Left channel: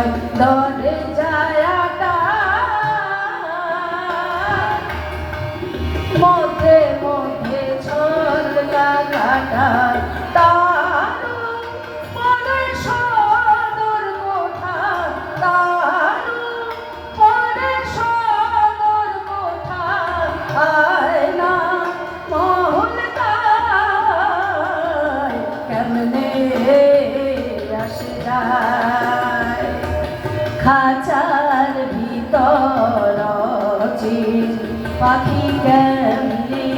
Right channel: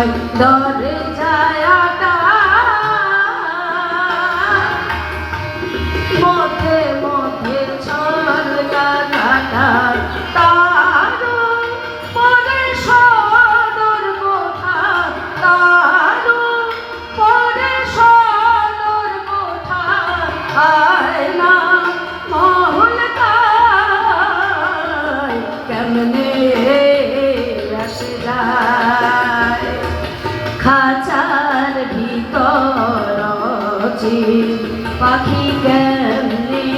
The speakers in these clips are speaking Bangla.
নয় দরজাটা মধ্যে মধ্যে ছলকা কাটা খাঁচার ভিতর পাখি কেমনে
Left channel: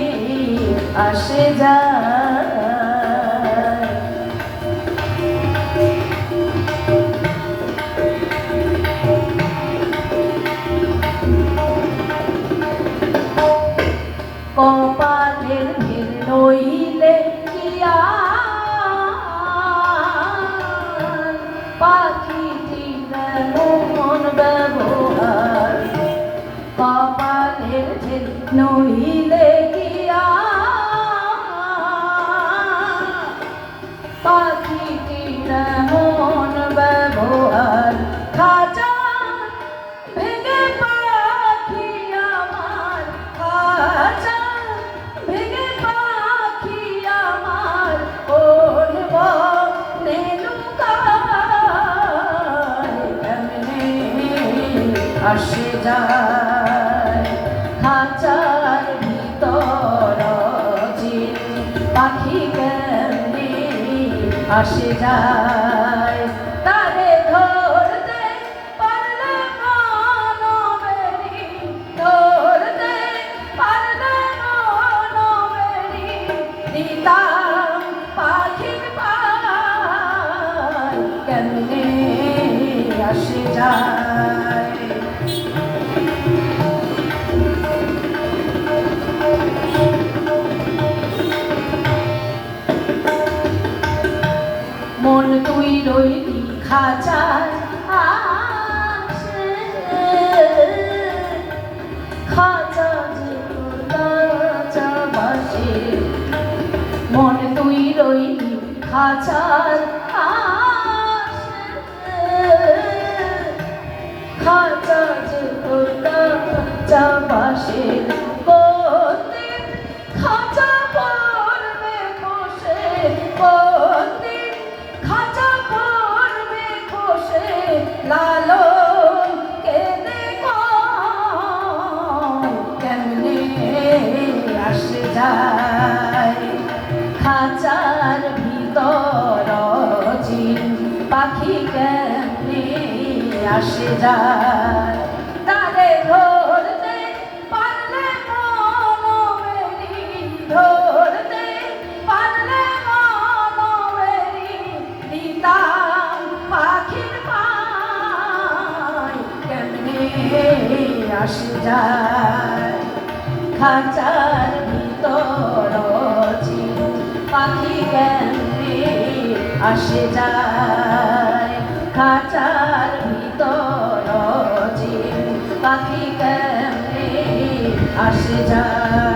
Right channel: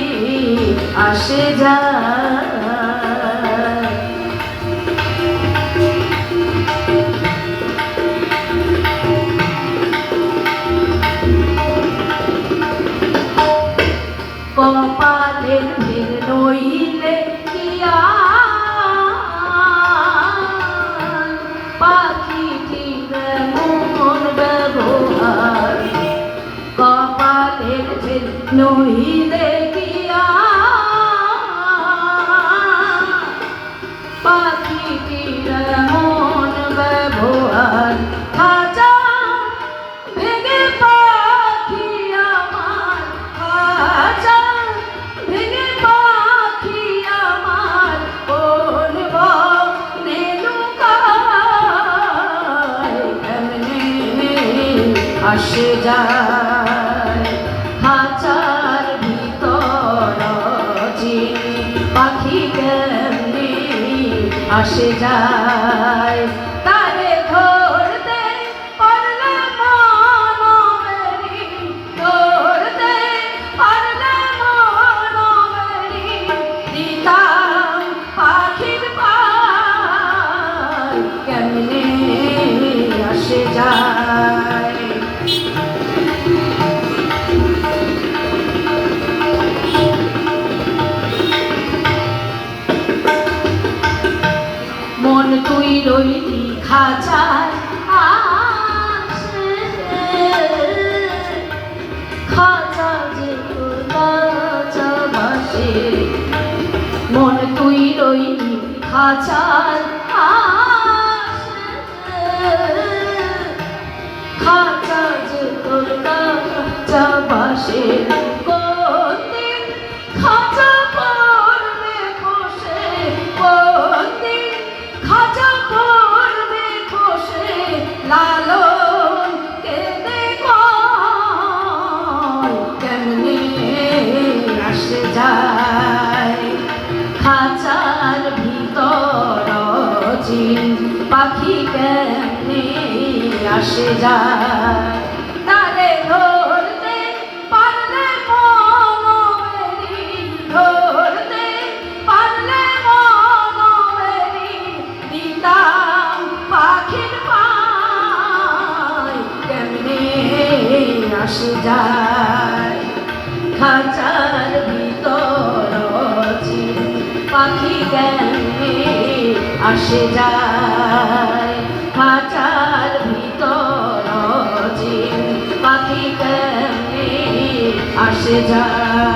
আসে যায় কপালের ভেদ নইলে কিয়া পাখিটির মন ব্যবহার কপালের ভেদ নইলে কিয়া পাখিটির মন ব্যবহার খাঁচা ভেঙে পাখি আমার খাঁচা ভেঙে পাখি আমার ওর বনে লুকায় কেমনে আসে যায় খাঁচার ভিতর পাখি কেমনে আসে যায় তারে ধরতে পারলে মনবেরি ধরতে পারলে মনবেরি দিতাম পাখির পায় কেমনে আসে যায় মন তুই রইলি খাঁচার আসে খাঁচা যে রাজা বাসে মন তুই রইলি খাঁচার আসে খাঁচা যে রাজা বাসে কোনদিন খাঁচা পড়বে বসে কোনদিন খাঁচা পড়বে বসে লালন কেঁদে কেমনে আসে যায় খাঁচার ভিতর পাখি কেমনে আসে যায় তারে ধরতে পারলে মনবেরি ধরতে পারলে মনবেরি দিতাম পাখির পায় কেমনে আসে যায় খাঁচার ভিতর পাখি কেমনে আসে যায় খাঁচার ভিতর পাখি কেমনে আসে যায়।